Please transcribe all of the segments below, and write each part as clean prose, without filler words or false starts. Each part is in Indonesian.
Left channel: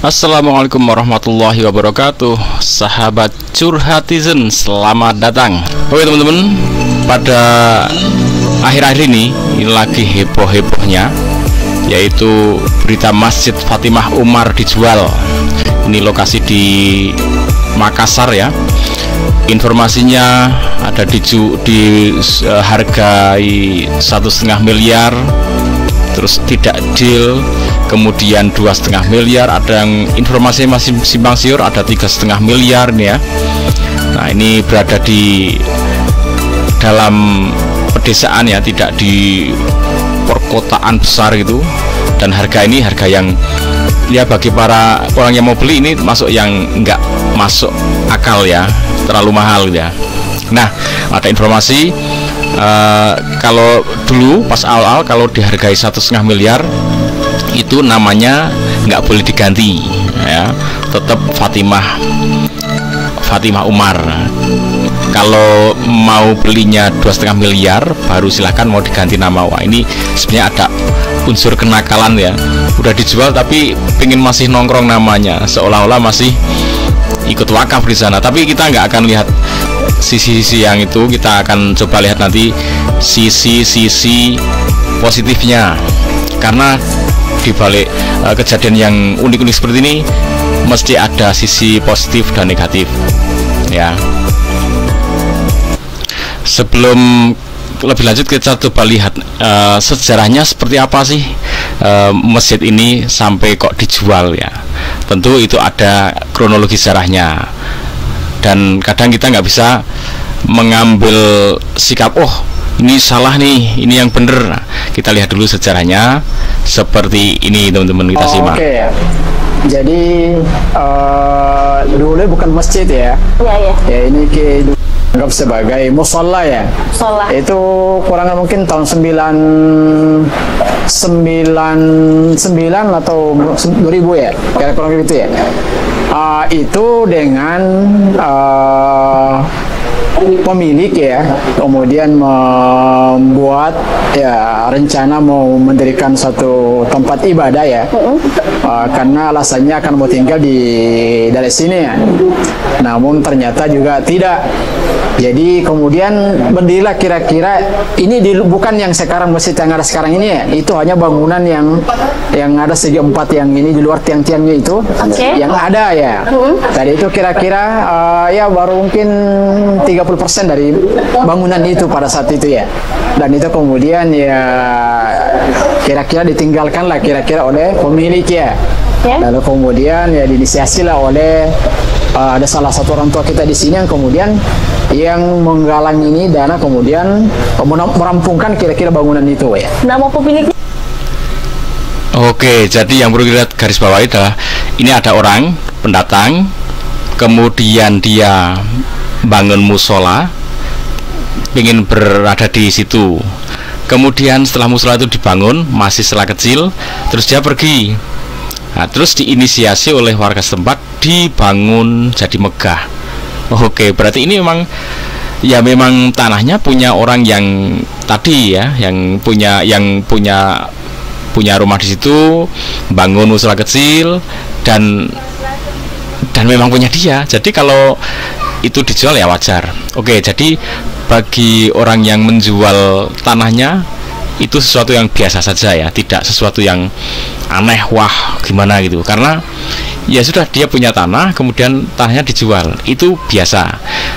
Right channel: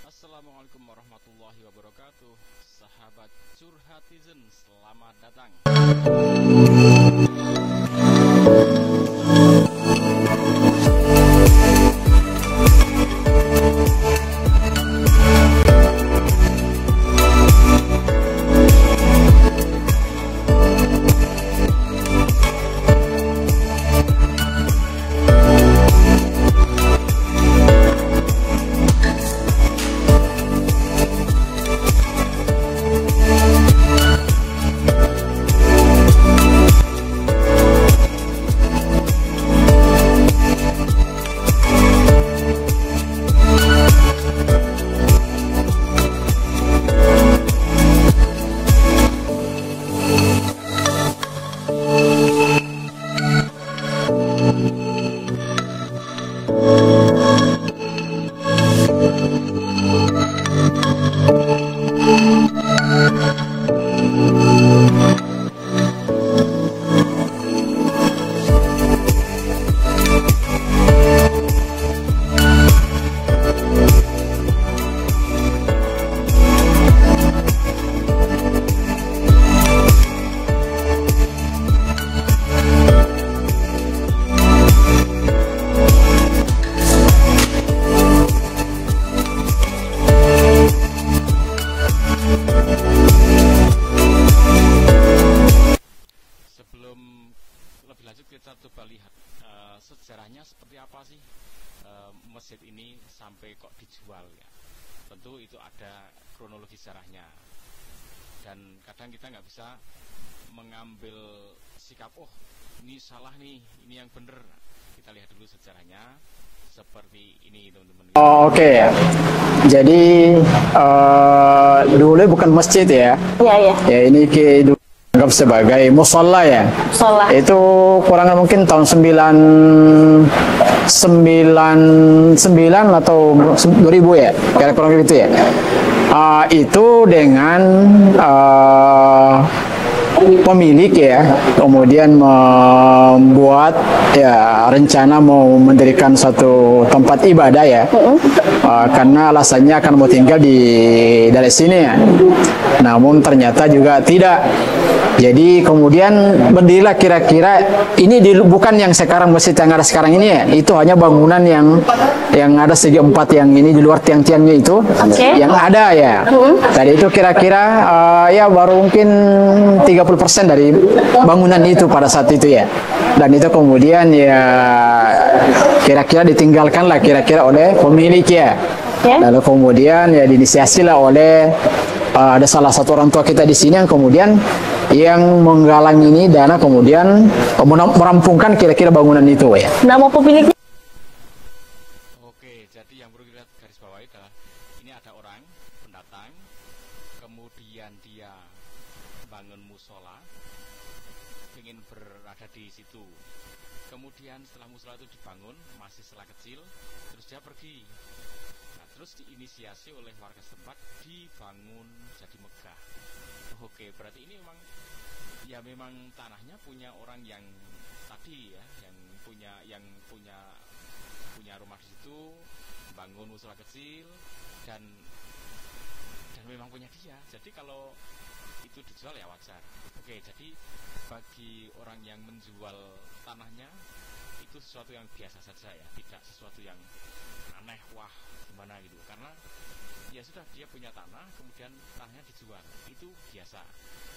Assalamualaikum warahmatullahi wabarakatuh. Sahabat Curhatizen, selamat datang. Oke teman-teman, pada akhir-akhir ini lagi heboh-hebohnya, yaitu berita Masjid Fatimah Umar dijual. Ini lokasi di Makassar ya. Informasinya ada hargai 1,5 miliar, terus tidak deal, kemudian 2,5 miliar, ada yang informasinya masih simpang siur, ada 3,5 miliar nih ya. Nah, ini berada di dalam pedesaan ya, tidak di perkotaan besar gitu. Dan harga ini harga yang ya bagi para orang yang mau beli ini masuk yang nggak masuk akal ya, terlalu mahal ya. Nah, ada informasi kalau dulu pas awal kalau dihargai 1,5 miliar itu namanya nggak boleh diganti ya, tetap Fatimah Umar. Kalau mau belinya 2,5 miliar baru silahkan mau diganti nama. Wah, ini sebenarnya ada unsur kenakalan ya, udah dijual tapi pengen masih nongkrong namanya, seolah-olah masih ikut wakaf di sana. Tapi kita nggak akan lihat sisi-sisi yang itu, kita akan coba lihat nanti sisi-sisi positifnya, karena di balik kejadian yang unik-unik seperti ini mesti ada sisi positif dan negatif ya. Sebelum lebih lanjut kita coba lihat sejarahnya seperti apa sih masjid ini sampai kok dijual ya. Tentu itu ada kronologi sejarahnya, dan kadang kita nggak bisa mengambil sikap oh ini salah nih, ini yang bener. Nah, kita lihat dulu sejarahnya seperti ini teman-teman, kita simak. Oke. Jadi dulu bukan masjid ya. Iya. Ya ini anggap sebagai musola ya. Musola. Itu kurang mungkin tahun 99 atau 2000 ya, kira-kira gitu ya. Itu dengan pemilik ya, kemudian membuat ya rencana mau mendirikan satu tempat ibadah ya, karena alasannya akan mau tinggal dari sini ya. Namun ternyata juga tidak. Jadi kemudian berdirilah kira-kira ini bukan yang sekarang masjid yang ada sekarang ini ya, itu hanya bangunan yang ada segi 4 yang ini di luar tiang-tiangnya itu, yang ada ya. Tadi itu kira-kira ya baru mungkin 30% dari bangunan itu pada saat itu ya. Dan itu kemudian ya kira-kira ditinggalkan lah kira-kira oleh pemilik ya. Lalu kemudian ya diinisiasi lah oleh ada salah satu orang tua kita di sini yang kemudian yang menggalang ini dana, kemudian merampungkan kira-kira bangunan itu ya. Nama pemiliknya? Oke, jadi yang perlu kita garis bawahi adalah ini ada orang pendatang, kemudian dia bangun musola, ingin berada di situ. Kemudian setelah musola itu dibangun, masih setelah kecil, terus dia pergi. Nah, terus diinisiasi oleh warga setempat dibangun jadi megah. Oke, berarti ini memang tanahnya punya orang yang tadi ya, yang punya rumah di situ, bangun musola kecil dan memang punya dia. Jadi kalau itu dijual ya wajar. Oke, jadi bagi orang yang menjual tanahnya itu sesuatu yang biasa saja ya, tidak sesuatu yang aneh, wah gimana gitu, karena ya sudah dia punya tanah, kemudian tanahnya dijual, itu biasa.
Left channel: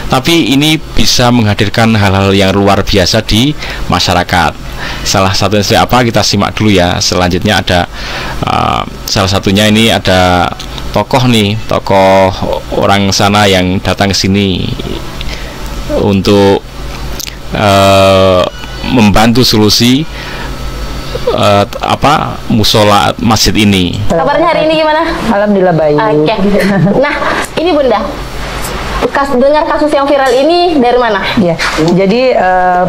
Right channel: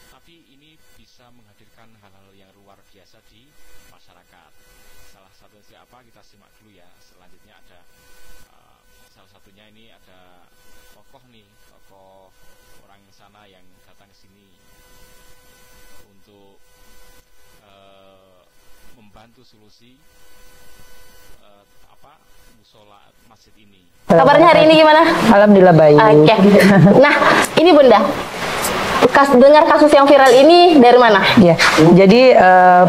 Tapi ini bisa menghadirkan hal-hal yang luar biasa di masyarakat. Salah satunya apa, kita simak dulu ya. Selanjutnya ada salah satunya ini ada tokoh orang sana yang datang ke sini untuk membantu solusi musola masjid ini. Kabarnya hari ini gimana? Alhamdulillah baik. Oke. Nah, ini Bunda, dengar kasus yang viral ini dari mana? Ya, jadi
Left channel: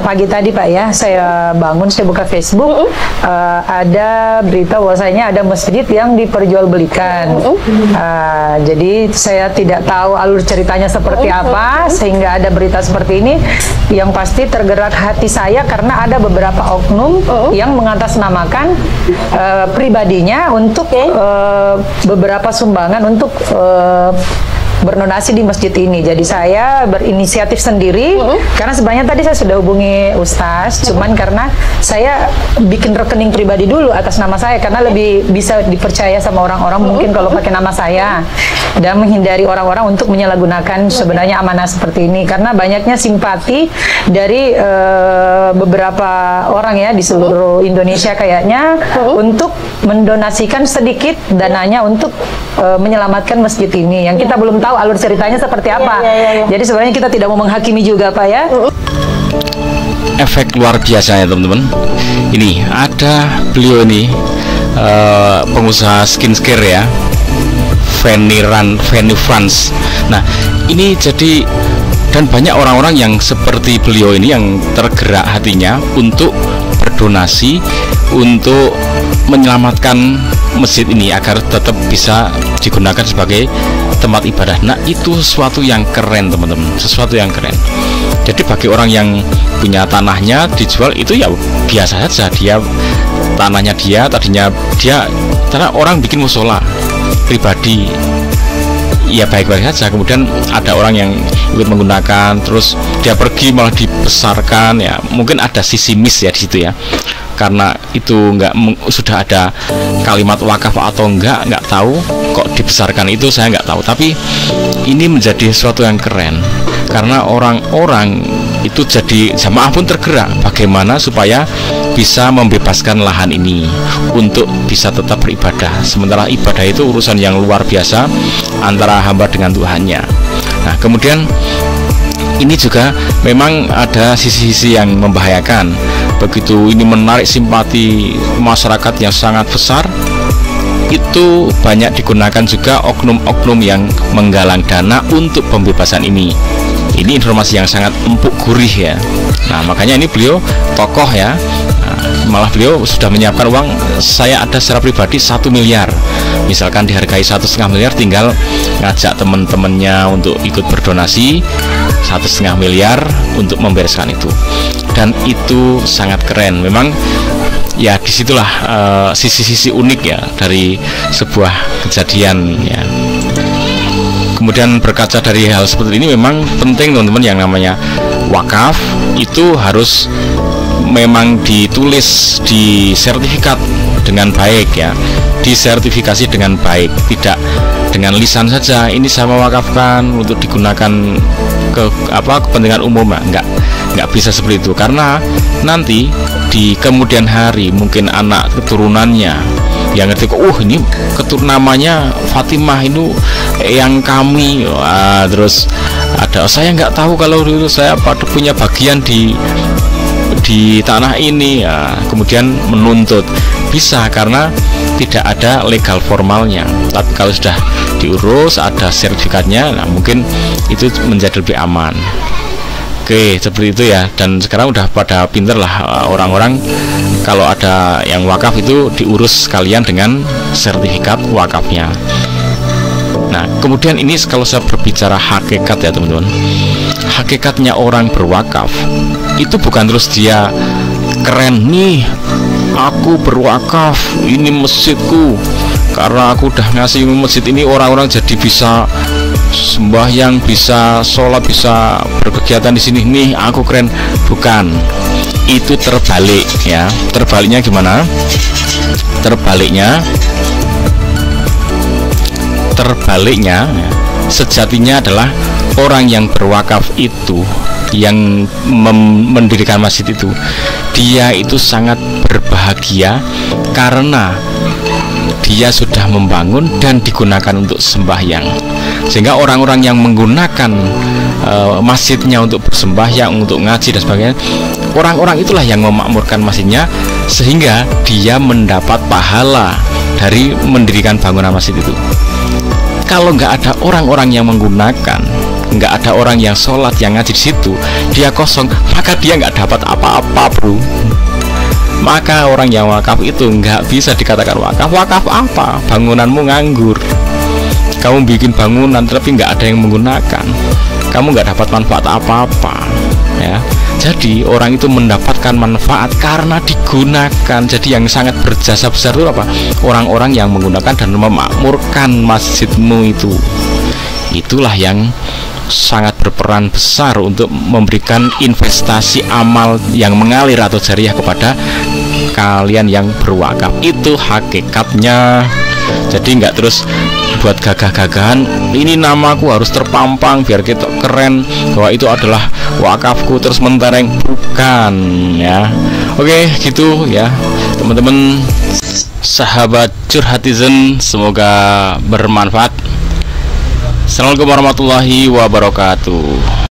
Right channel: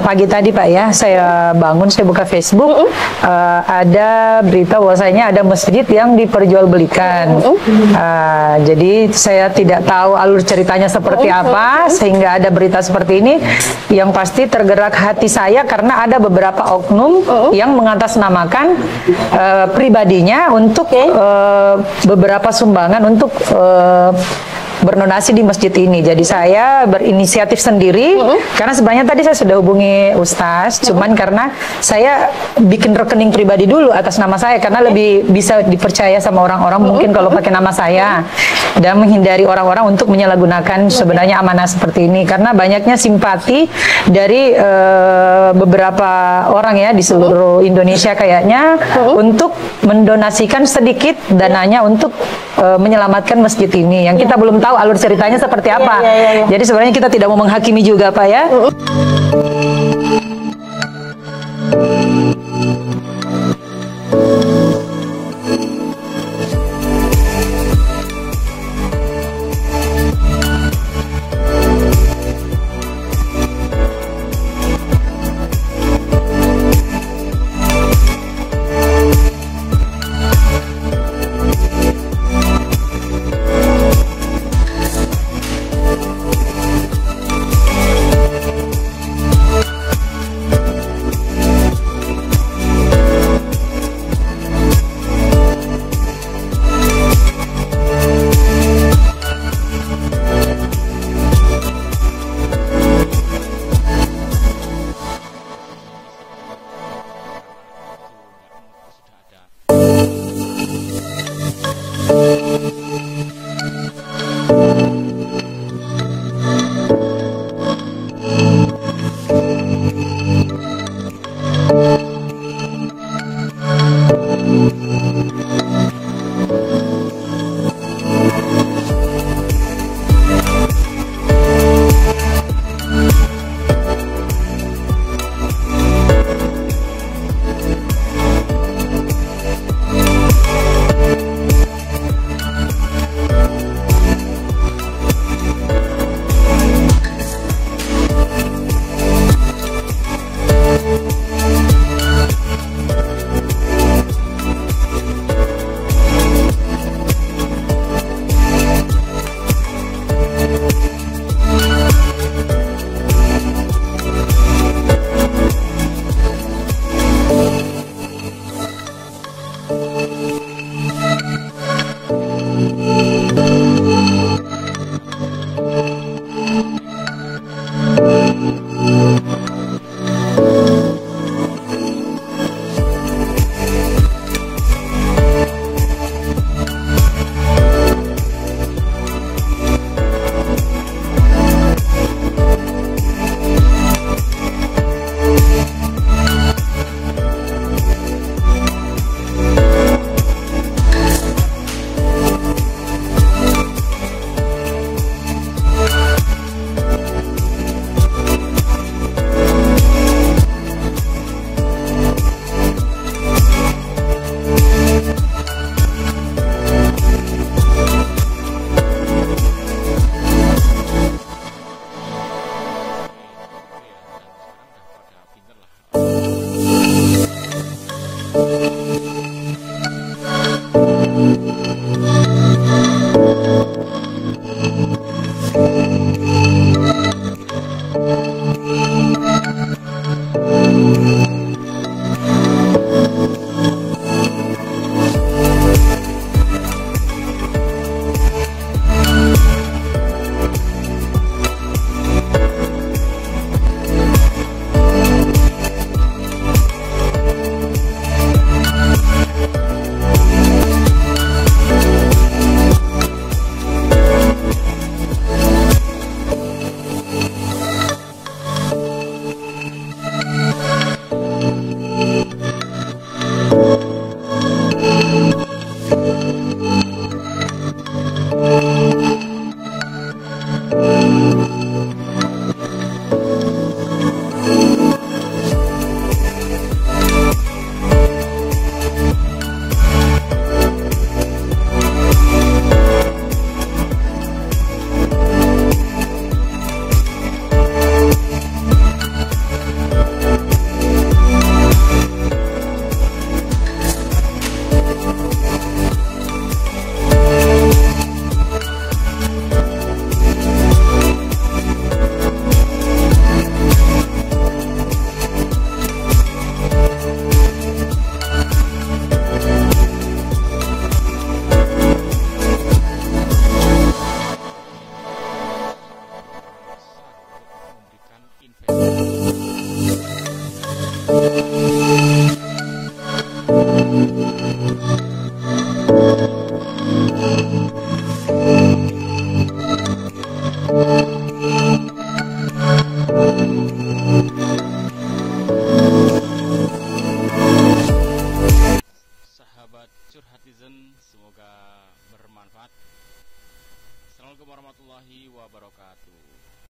pagi tadi Pak ya, saya bangun, saya buka Facebook, ada berita bahwasanya ada masjid yang diperjualbelikan. Jadi saya tidak tahu alur ceritanya seperti apa, sehingga ada berita seperti ini. Yang pasti tergerak hati saya karena ada beberapa oknum yang mengatasnamakan pribadinya untuk beberapa sumbangan untuk berdonasi di masjid ini. Jadi saya berinisiatif sendiri karena sebenarnya tadi saya sudah hubungi Ustaz, cuman karena saya bikin rekening pribadi dulu atas nama saya karena lebih bisa dipercaya sama orang-orang mungkin kalau pakai nama saya, dan menghindari orang-orang untuk menyalahgunakan sebenarnya amanah seperti ini karena banyaknya simpati dari beberapa orang ya di seluruh Indonesia kayaknya untuk mendonasikan sedikit dananya untuk menyelamatkan masjid ini yang kita belum tahu alur ceritanya seperti apa. Jadi sebenarnya kita tidak mau menghakimi juga Pak ya. Efek luar biasa ya teman-teman. Ini ada beliau ini pengusaha skincare ya, Fanny France. Nah ini jadi, dan banyak orang-orang yang seperti beliau ini yang tergerak hatinya untuk berdonasi untuk menyelamatkan masjid ini agar tetap bisa digunakan sebagai tempat ibadah. Nah itu sesuatu yang keren teman-teman, sesuatu yang keren. Jadi bagi orang yang punya tanahnya dijual itu ya biasa saja, dia tanahnya dia tadinya dia, karena orang bikin musola pribadi ya baik-baik saja, kemudian ada orang yang ikut menggunakan, terus dia pergi malah dibesarkan ya, mungkin ada sisi miss ya di situ ya, karena itu sudah ada kalimat wakaf atau enggak tahu, kok dibesarkan itu saya nggak tahu, tapi ini menjadi sesuatu yang keren karena orang-orang itu jadi jamaah pun tergerak bagaimana supaya bisa membebaskan lahan ini untuk bisa tetap beribadah, sementara ibadah itu urusan yang luar biasa antara hamba dengan Tuhannya. Nah kemudian ini juga memang ada sisi-sisi yang membahayakan. Begitu ini menarik simpati masyarakat yang sangat besar, itu banyak digunakan juga oknum-oknum yang menggalang dana untuk pembebasan ini. Ini informasi yang sangat empuk gurih ya. Nah makanya ini beliau tokoh ya. Malah beliau sudah menyiapkan uang, saya ada secara pribadi 1 miliar, misalkan dihargai 1,5 miliar, tinggal ngajak teman-temannya untuk ikut berdonasi 1,5 miliar untuk membereskan itu. Dan itu sangat keren memang ya, disitulah sisi-sisi unik ya dari sebuah kejadian ya. Kemudian berkaca dari hal seperti ini memang penting teman-teman, yang namanya wakaf itu harus memang ditulis di sertifikat dengan baik ya, disertifikasi dengan baik, tidak dengan lisan saja ini saya mewakafkan untuk digunakan ke kepentingan umum, nggak bisa seperti itu, karena nanti di kemudian hari mungkin anak keturunannya yang ketika ini namanya Fatimah itu yang kami, terus ada saya nggak tahu kalau dulu saya punya bagian di tanah ini ya, kemudian menuntut bisa karena tidak ada legal formalnya. Tapi kalau sudah diurus ada sertifikatnya, nah mungkin itu menjadi lebih aman. Oke, seperti itu ya. Dan sekarang udah pada pinter lah orang-orang, kalau ada yang wakaf itu diurus sekalian dengan sertifikat wakafnya. Nah kemudian ini kalau saya berbicara hakikat ya teman-teman, hakikatnya orang berwakaf itu bukan terus dia keren nih, aku berwakaf, ini masjidku, karena aku udah ngasih masjid ini orang-orang jadi bisa sembahyang, bisa sholat, bisa berkegiatan di sini nih, aku keren. Bukan, itu terbalik ya. Terbaliknya gimana? Terbaliknya sejatinya adalah orang yang berwakaf itu, yang mendirikan masjid itu, dia itu sangat berbahagia karena dia sudah membangun dan digunakan untuk sembahyang, sehingga orang-orang yang menggunakan masjidnya untuk bersembahyang, untuk ngaji dan sebagainya, orang-orang itulah yang memakmurkan masjidnya, sehingga dia mendapat pahala dari mendirikan bangunan masjid itu. Kalau nggak ada orang-orang yang menggunakan, nggak ada orang yang sholat, yang ngaji di situ, dia kosong, maka dia nggak dapat apa-apa, bro. Maka orang yang wakaf itu nggak bisa dikatakan wakaf. Wakaf apa? Bangunanmu nganggur. Kamu bikin bangunan tapi nggak ada yang menggunakan, kamu nggak dapat manfaat apa-apa, ya. Jadi orang itu mendapatkan manfaat karena digunakan. Jadi yang sangat berjasa besar itu apa? Orang-orang yang menggunakan dan memakmurkan masjidmu itu. Itulah yang sangat berperan besar untuk memberikan investasi amal yang mengalir atau jariah kepada kalian yang berwakaf. Itu hakikatnya. Jadi nggak terus buat gagah-gagahan, ini namaku harus terpampang biar kita keren bahwa itu adalah wakafku, terus mentereng, bukan, ya. Oke, gitu ya teman-teman sahabat curhatizen, semoga bermanfaat. Assalamualaikum warahmatullahi wabarakatuh.